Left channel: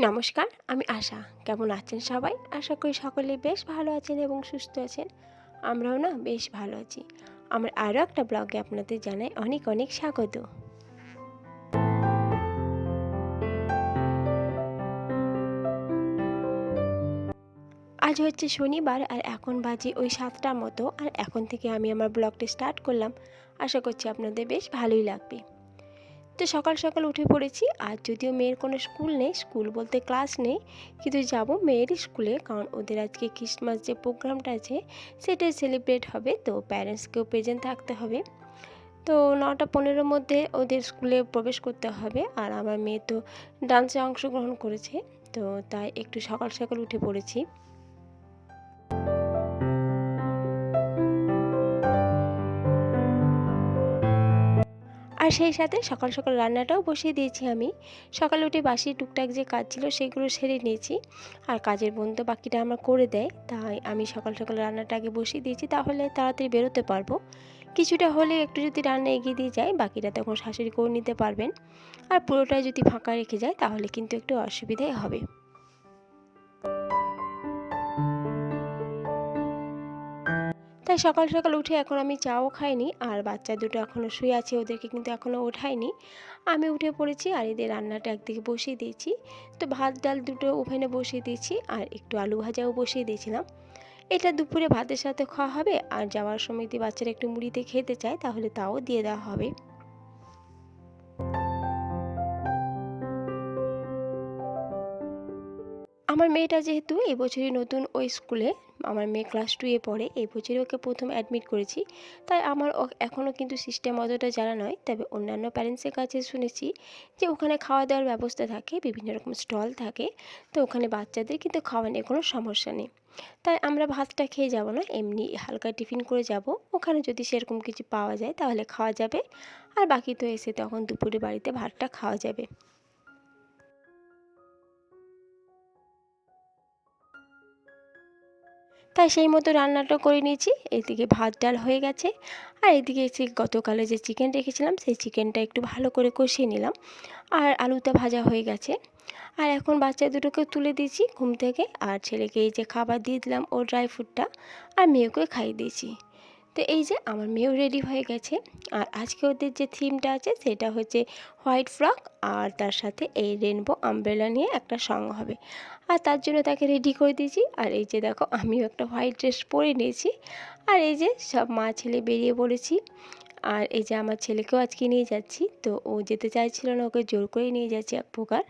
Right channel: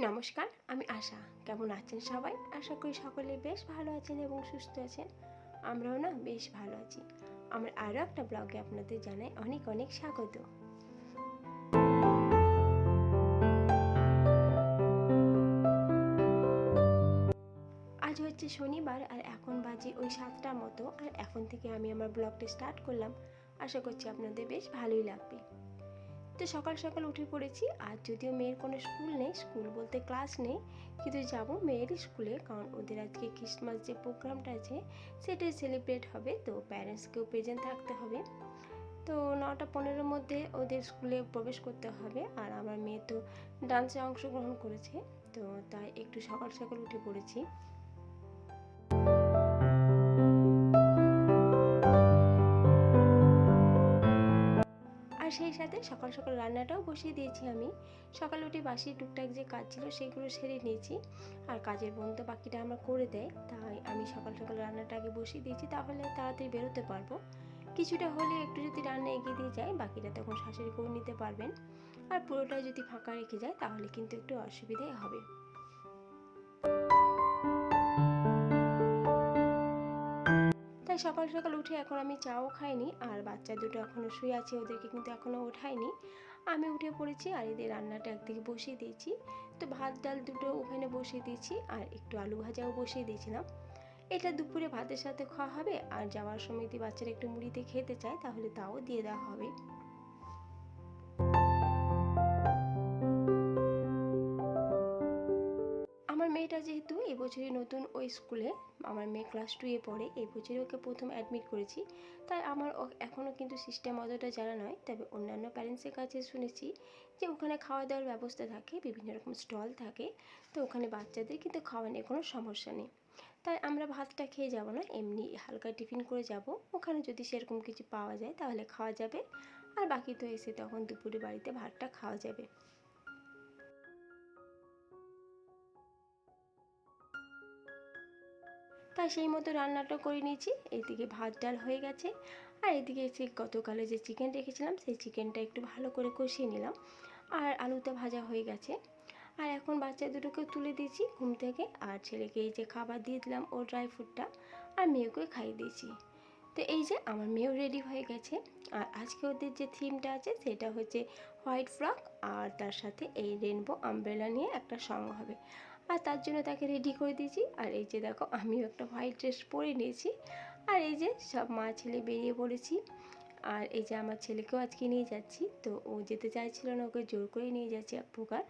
নমস্কার, আমি আশা। কেমন আছেন সবাই? আশা করি সকলে বেশ ভালো আছেন এবং সুস্থ আছেন। আমরাও না বেশ ভালো আছি। আমার আরও একটা ব্লগে আপনাদের জানাই অনেক অনেক স্বাগত। আজ হচ্ছে শনিবার আর এখন বাজে ওই সাতটার মতো। আর এখন থেকে আমি আমার ব্লগটি স্টার্ট করলাম। আশা করছি আপনাদের বেশ ভালোই লাগবে। তো সকাল সকাল উঠে পড়েছি। আর যদিও মেয়ের কোনো স্কুল নেই, স্কুল বলতে ক্লাস নেই, কিন্তু যাব মেয়েরই স্কুলে কারণ ওদের আজকে ক্রিসমাস যে প্রোগ্রামটা আছে, সেটাই সেলিব্রেট হবে। তো প্যারেন্টসকেও প্রেজেন্ট থাকতে হবে। তো নটা পনেরোর মধ্যে ওদের স্কুলে প্রবেশ করতে হবে। আর আমার মেয়ে তো ডান্সে অংশগ্রহণ করেছে। তো তাই একটু সকাল সকাল উঠে পড়েছি। আর সেই সাথে সকাল সকাল রান্নাটাও বসিয়ে দিয়েছি আমি। সকালে উঠে বাসি টুকটাক যে কাজ ছিল সেগুলো সেরে নিয়েছি। আর কাজের বোন তো বাকিটা আমার করে দেয়, তাই আমি সকাল সকাল রান্নাটা আগে বসিয়ে দিয়েছি তাহলে তাড়াতাড়ি বেরোতে পারব। কিছুটা হলে একটু যদি রান্না এগিয়ে দিয়ে যায়, বাকিটা তখন শাশুড়ি করে নিতে পারবেন। আর পুরোটাই যদি ফাঁকা রেখে যায় তাহলে কিন্তু একটু অসুবিধাই হবে। তাই সকাল সকাল উঠে এখন আমি চাও খাইনি আর বাচ্চা দুটো এখনও শুয়ে আছে, ওদেরকে কিন্তু এখনও ওঠাইনি। আমি উঠে পড়েছি আর এদের রান্নাটা একদিকে বসিয়ে দিয়েছি। তো ভাত, ডাল দুটো ওভেনে বসিয়ে দিয়েছি আর একটু আলু ভাজাও বসিয়ে দিয়েছিলাম। এটা দুপুরে ভাতের সাথে খাওয়া হবে আর যাওয়ার সময় যদি বাচ্চারা একটু মুড়িতে খেতে চায় তাহলে তাও দিয়ে দেওয়া হবে। আমার মেয়েটা যেহেতু এবছরই নতুন ওই স্কুলে আমার মেয়ে ক্লাস টুয়ে পড়ে, এই বছরই ওকে প্রথম অ্যাডমিট করেছি। তাই আমার এখনও কিন্তু সিস্টেম অতটা জানা নয়, তবে অন্যান্য প্যারেন্টসের কাছে শুনেছি যে ওখানে খাওয়া দাওয়ার ব্যবস্থা থাকে, বিভিন্ন রকম স্টল থাকে, তো ওখানে বাচ্চাদের কিন্তু খাওয়া নিয়ে কোনো সমস্যা নেই। তাই আমরা ভাতটা খেয়ে যাব না, এমনি হালকা টিফিন করে যাব। ওখানে যদি সেরকম কিছু পাওয়া যায় তাহলে খাওয়া যাবে, আর বাকি তো এসে তখন দুপুরে বাড়িতে ভাতটা খাওয়া যাবে। তাই সেই মতো রান্নাটা করে নিয়েছি। এদিকে ভাত ডাল হয়ে গেছে। আর এদিকে সেই গতকালে যে চিকেন রেখেছিলাম, সেই চিকেনটা একটু ভালো করে কষিয়ে নিলাম। আর আলুটা ভাজা হয়ে গেছে। আর এখন বাচ্চা দুটোকে তুলে দিয়েছি ঘুম থেকে। আর ছেলেকে এই যে খাবার দিয়ে দিলাম ও ড্রাই ফ্রুটটা আর মেয়েকে খাইয়ে দিয়েছি। তো এই যে আমার মেয়েও রেডি হয়ে গেছে। আর আজকে ওদের যে থিমটা আছে, সেটা হচ্ছে হোয়াইট ফ্রক আর তার সাথে এই রেনবো আমব্রেলা নিয়ে একটা সং হবে। আর তার জন্য তাকে রেডি করে দিয়েছি। আর এই যে দেখো, আমিও একটা হোয়াইট ড্রেস পরে নিয়েছি। আর এই যে সব মা ছেলে বেরিয়ে পড়েছি। আর এই যে আমার ছেলেকেও আজকে নিয়ে যাচ্ছি। তো ও যেতে চাইছিল না, ওকে জোর করেই নিয়ে যাচ্ছি এক প্রকার।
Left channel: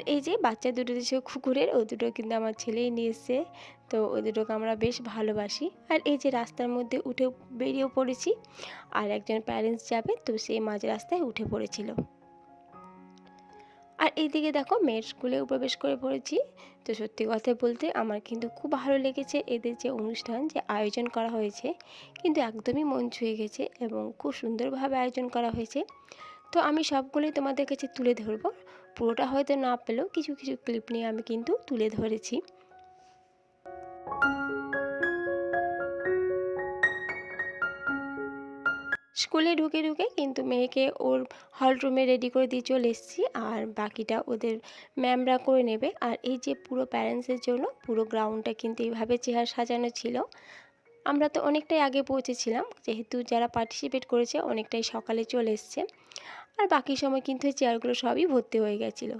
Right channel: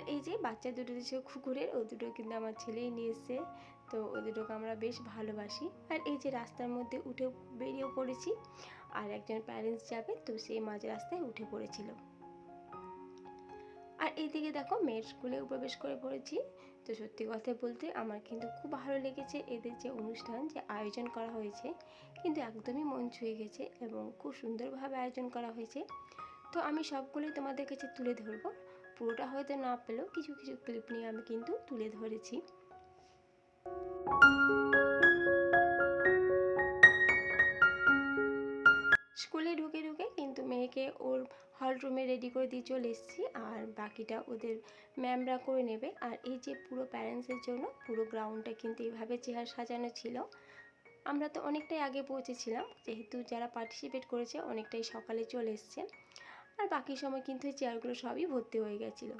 আর এই যে বাচ্চা দুটো যে কুকুরের, ও দুটো কিন্তু আমার ছেলেই নিয়ে এসছে তো ওই দুটোকে আমরা বেশ ভালোবাসি। আর এই যে রাস্তার মধ্যে উঠে বেরিয়েও পড়েছি, আর একজন প্যারেন্টস যাবে, তো সেই মাঝ রাস্তায় উঠে পড়েছিল। আর এইদিকে দেখো মেয়ের স্কুলেও প্রবেশ করে পড়েছি। তো সত্যি কথা বলতে আমার কিন্তু খুব ভালো লেগেছে এদের যে অনুষ্ঠান, যে আয়োজন করা হয়েছে। কিন্তু একদমই মন ছুঁয়ে গেছে এবং খুব সুন্দরভাবে আয়োজন করা হয়েছে। তো আমি সবগুলোই তোমাদের কাছে তুলে ধরবো। পুরোটা হয়তো না পেলেও কিছু কিছু ক্লিপ নিয়ে আমি কিন্তু তুলে ধরেছি। স্কুলে ঢুকে ঢুকে কিন্তু মেয়েকে ওর হল রুমে রেডি করে দিয়ে চলে এসেছি আর বাকিটা ওদের ম্যামরা করে নেবে। আর এই যে পুরো প্যারেন্টসের জন্য পুরো গ্রাউন্ডটা কিন্তু এইভাবে চেয়ার সাজানো ছিল। আমরা তো অনেকটাই আগে পৌঁছেছিলাম, যেহেতু যারা পার্টিসিপেট করেছে অনেকটাই সকালে চলে এসছে। আর বাকি সময় কিন্তু ওই চেয়ারগুলো সবই ভর্তি হয়ে গেছিল।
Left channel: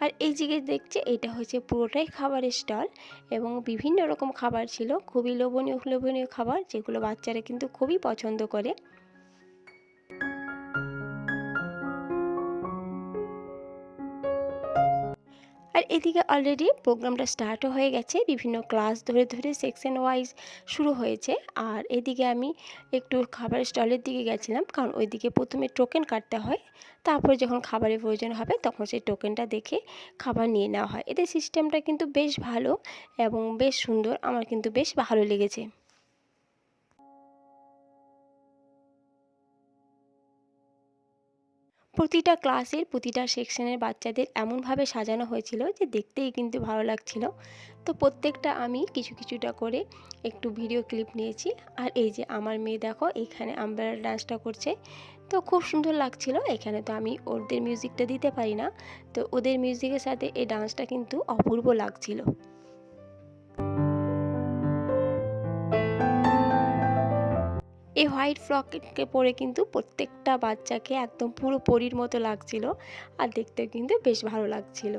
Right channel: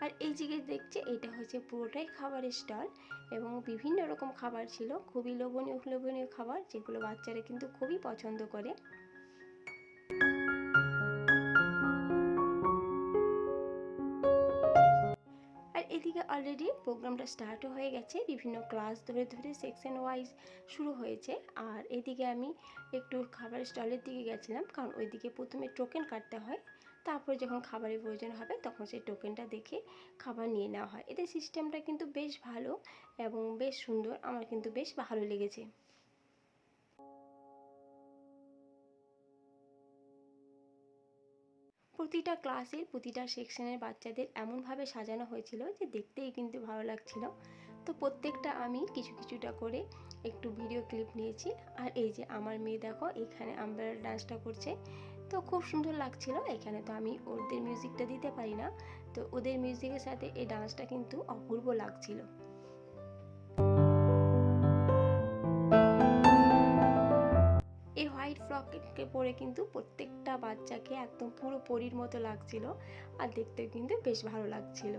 আর এই দিকে দেখছে, এটা হচ্ছে পুরোটাই খাবারের স্টল এবং বিভিন্ন রকম খাবার ছিল। খুবই লোভনীয় লোভনীয় খাবার যেগুলো বাচ্চারা কিন্তু খুবই পছন্দ করে। এদিকে অলরেডি প্রোগ্রামটা স্টার্টও হয়ে গেছে। বিভিন্ন ক্লাস ধরে ধরে সেকশন ওয়াইজ শুরু হয়েছে। আর এদিকে আমি একটু খাবারের স্টলের দিকে গেছিলাম। কারণ ওইদিকে প্রথমে টোকেন কাটতে হয়। তারপরে যখন খাবারের প্রয়োজন হবে, তখন সেই টোকেনটা দেখে খাবার নিয়ে নেওয়া হয়। এদের সিস্টেমটা কিন্তু বেশ ভালো এবং বেশ সুন্দর। আমার কিন্তু বেশ ভালো লেগেছে। প্রতিটা ক্লাসের প্রতিটা সেকশনের বাচ্চাদের এমনভাবে সাজানো হয়েছিল যে দেখতেই কিন্তু ভালো লাগছিল। তো প্রত্যেকটা আমি কিছু কিছুটা করে একটু ভিডিও ক্লিপ নিয়েছি। আর এই যে আমার মেয়ে দেখো, এখানে আমব্রেলা ডান্সটা করছে। তো খুব সুন্দর লাগছিল। এখানে তো আমি ওদের মিউজিকটা দিতে পারি না। তো ওদের মিউজিকের সাথে এই ডান্সটা কিন্তু অপূর্ব লাগছিল। এই হোয়াইট ফ্রককে পরে কিন্তু প্রত্যেকটা বাচ্চাকে একদম পুরো পরির মতো লাগছিল আর দেখতে কিন্তু বেশ ভালো লাগছিল।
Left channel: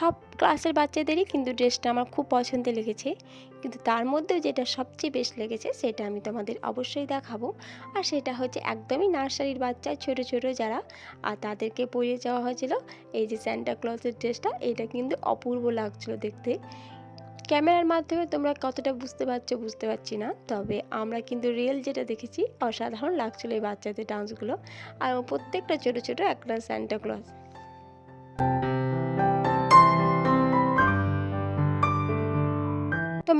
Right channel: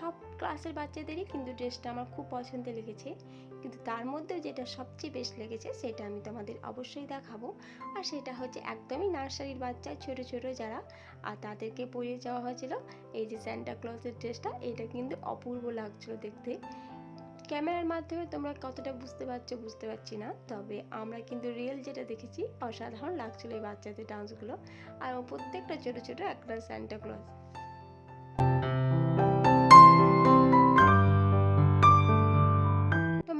সব ক্লাসের বাচ্চাদেরই কিন্তু ড্রেসটা আমার খুব পছন্দের লেগেছে। কিন্তু তার মধ্যেও যেটা সবচেয়ে বেশ লেগেছে সেটা আমি তোমাদের অবশ্যই দেখাবো। আর সেটা হচ্ছে একদমই নার্সারির বাচ্চা, ছোট ছোট যারা। আর তাদেরকে পরিয়ে যাওয়া হয়েছিল এই যে স্যান্টা ক্লজের ড্রেসটা, এটা কিন্তু অপূর্ব লাগছিল দেখতে। ক্যামেরার মাধ্যমে তোমরা কতটা বুঝতে পারছ বুঝতে পারছি না, তবে আমরা কিন্তু রিয়েল যেটা দেখেছি, অসাধারণ লাগছিল এই বাচ্চাদের ডান্সগুলো আর প্রত্যেকটা ছোট ছোট একটা স্যান্টা ক্লজ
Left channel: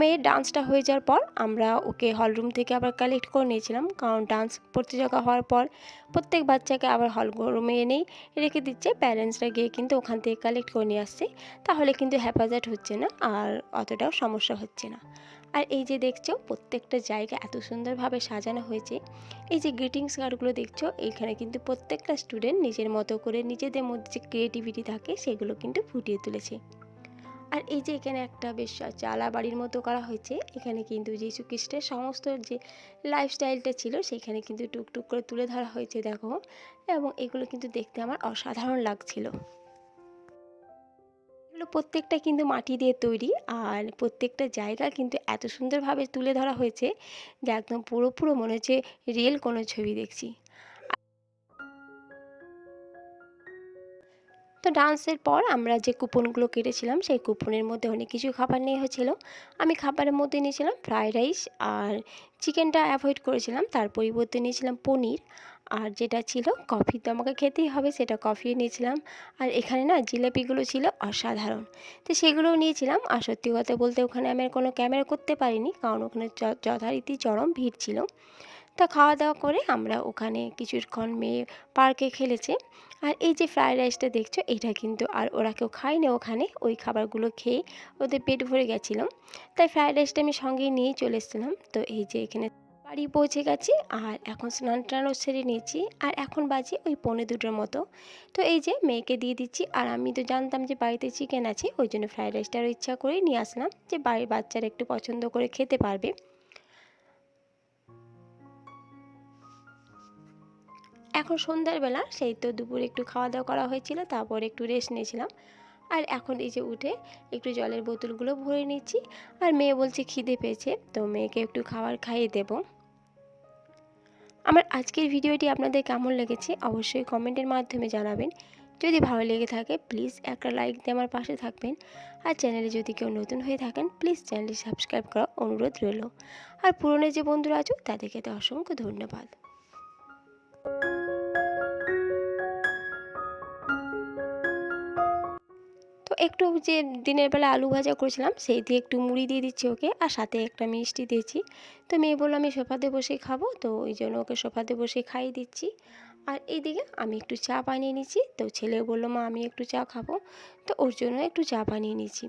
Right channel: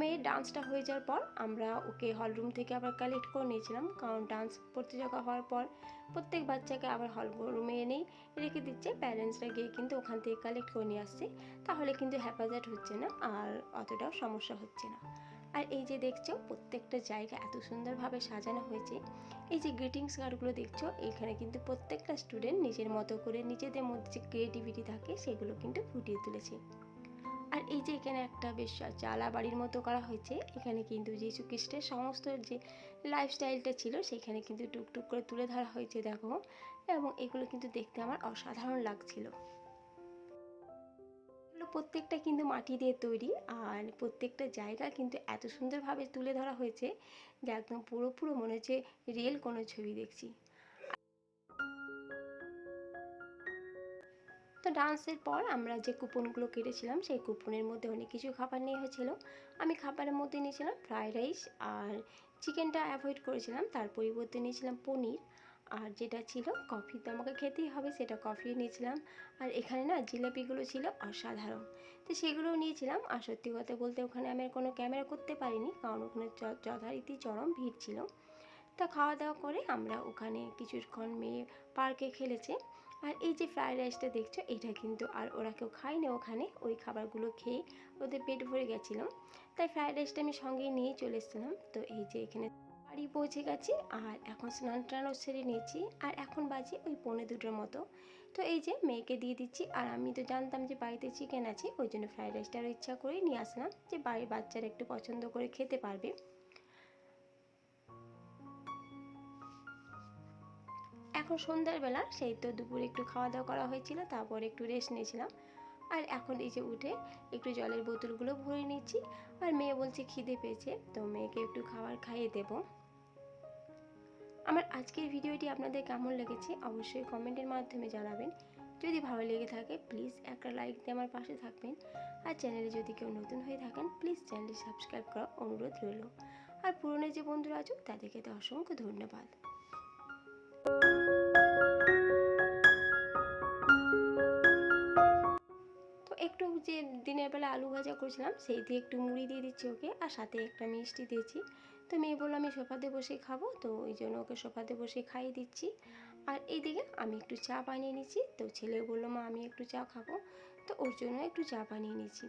মেয়ের ডান্সটা হয়ে যাওয়ার পর আমরা ওকে হলরুম থেকে আবার কালেক্ট করে নিয়েছিলাম। কারণ ডান্স প্রতিযোগিতা হওয়ার পর প্রত্যেক বাচ্চাকে আবার হল রুমে এনেই রেখে দিচ্ছে। প্যারেন্টসরা গিয়ে কিন্তু ওখান থেকে কালেক্ট করে নিয়ে আসছে। তাহলে কিন্তু হ্যাপাজার্ট হচ্ছে না আর অতটাও সমস্যা হচ্ছে না। আর এই যে দেখছ, প্রত্যেকটা জায়গা এত সুন্দরভাবে সাজানো হয়েছে। এই যে গ্রিটিংস কার্ডগুলো দেখছ এইখানে কিন্তু প্রত্যেকটা স্টুডেন্ট নিজের মতো করে নিজেদের মধ্যে যে ক্রিয়েটিভিটি থাকে, সেগুলো কিন্তু ফুটিয়ে তুলেছে। আর এই যে এখানে একটা বেশ চালা বাড়ির মতো করা হয়েছে, এখানে কিন্তু যীশু খ্রিস্টের সমস্ত যে লাইফস্টাইলটা ছিল, সেখানে কিন্তু টুকটুক করে তুলে ধরা হয়েছে, দেখো। এবং এগুলো কিন্তু দেখতে আমার অসাধারণ লাগছিল। প্রত্যেকটা কিন্তু মাটি দিয়ে তৈরি, আর প্রত্যেকটা জায়গা কিন্তু এত সুন্দরভাবে তুলে ধরা হয়েছে যে একদম পুরো পুরো মনে হচ্ছে রিয়েল কোনো ছবি দেখছি। তো ডান্সের পর আমরা যে কুপনগুলো কেটেছিলাম, সেই কুপনের মধ্যে অনেক কিছু খাবার নিয়ে হয়েছিল। আমি খাবারের মধ্যে নিয়েছিলাম ফ্রায়েড রাইস আর চিকেনটা অ্যাভয়েড করেছিলাম। তার পরিবর্তে নিয়েছিলাম পনির আর যেটা ছিল কফি। তো আমাকে খেতেই হবে, সেটা কফি নিয়েছিলাম। আর এখানে না জিলাপিগুলো ছিল অসাধারণ। তো সেগুলোও নিয়েছিলাম। আর সত্যি কথা বলতে ওখানে আমি আর কোনো ক্যামেরা করতে পারিনি, কারণ ওখানে যথারীতি চরম ভিড় ছিল। তা খাওয়া দাওয়া করে আমরা ওখানে কিছুক্ষণ মেয়ে পার্কে খেলেছে। আর এই যে ফ্রায়েড রাইসটা দেখছ, এটা কিন্তু আর ওরা কেউ খায়নি ওখানে। ওই খাবারগুলো খেয়ে ওদের পেট ভরে গেছিল। তাই ফ্রায়েড রাইসটা আমি সঙ্গেই নিয়েই চলে এসেছিলাম। তো এই যে এখানে বাড়ি পৌঁছে গেছি আর এখন স্নান টানও সেরে নিয়েছি। আর এখন বাজে ওই পৌনে দুটোর মতো। তো এই যে মেয়েকে দিয়ে দিচ্ছি আর আমি তো জানতাম যে বাড়িতে চিকেন আছে, ওই জন্য ফ্রায়েড রাইসটারও ইচ্ছা করেই নিয়ে আসলাম যে বাড়ির বাচ্চারা একটু পছন্দ করে খেতে পারবে। এখন সন্ধ্যার বেলা, সেই তো দুপুরে একটু খাওয়া দাওয়া করা হয়েছিল, তারপর একটু রেস্ট নিয়েছিলাম। আর এখন এই যে উঠে একটু জলের বোতলগুলো ভরে নিচ্ছি। আর মেয়ে বলছে, খিদে পেয়েছে, তো মেয়েকে একটু খাবার খাইয়ে দেব। আমার আজকের ভিডিওটি আপনাদের কেমন লেগেছে, অবশ্যই কমেন্টের মাধ্যমে জানাবেন। যদি ভালো লেগে থাকে প্লিজ একটা লাইক দিয়ে আমার পাশে থাকবেন। আর চ্যানেলে যদি কেউ নতুন হয়ে থাকেন প্লিজ চ্যানেলটি সাবস্ক্রাইব করা অনুরোধ রইল। আর পুরনো যে বন্ধুরা আছো, তাদেরকে তো অসংখ্য ধন্যবাদ। একটু যে দিনের বেলা আলু ভাজা করেছিলাম, সেই দিয়ে একটু মুড়ি দিয়ে দিচ্ছি ওকে, আর সাথে একটা মিষ্টি দিয়েছি। তো মেয়ে বলল, আমি সোফাতে বসে খাব। তো ওই জন্য ওকে সোফাতে বসে খাইয়ে দিচ্ছি। আর এইদিকে আমি একটু চা বানিয়ে নিচ্ছি। তো ছেলে বলল, মা, আমি একটু চা খাব। তো ওর জন্য একটু চা বানিয়ে নিচ্ছি।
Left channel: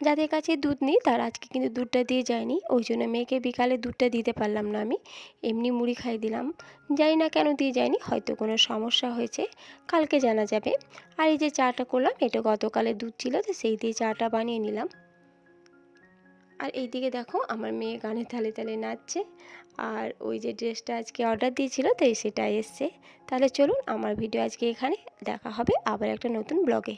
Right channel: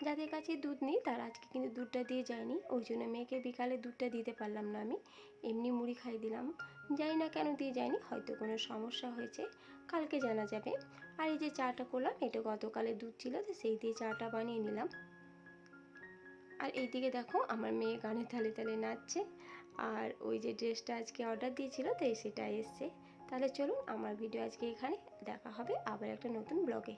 যাদের কাছে দুধ নেই, তারা আজকে কিন্তু দুধটা দিয়ে যায়নি। ওই জন্য মেয়েকে বিকালে দুধটা দিতে পারলাম না আমি। এমনি মুড়ি খাই দিলাম। জানি না কেন দিয়ে যায়নি, হয়তো কোনো সমস্যা হয়েছে। কালকে জানা যাবে। আর এই যে চাটা করলাম, এটা গতকালে দুধ ছিল, তো সেই দিয়ে চাটা বানিয়ে নিলাম। আর এইদিকে দেখো, আমার মেয়ে গানে তালে তালে নাচছে। আর ওই যে ড্রেসটা আজকে অর্ডার দিয়েছিল, তাই সেটা এসছে। তাহলে চলুন, আমার ভিডিও আজকে এখানে। দেখা হবে আবার একটা নতুন ব্লগে।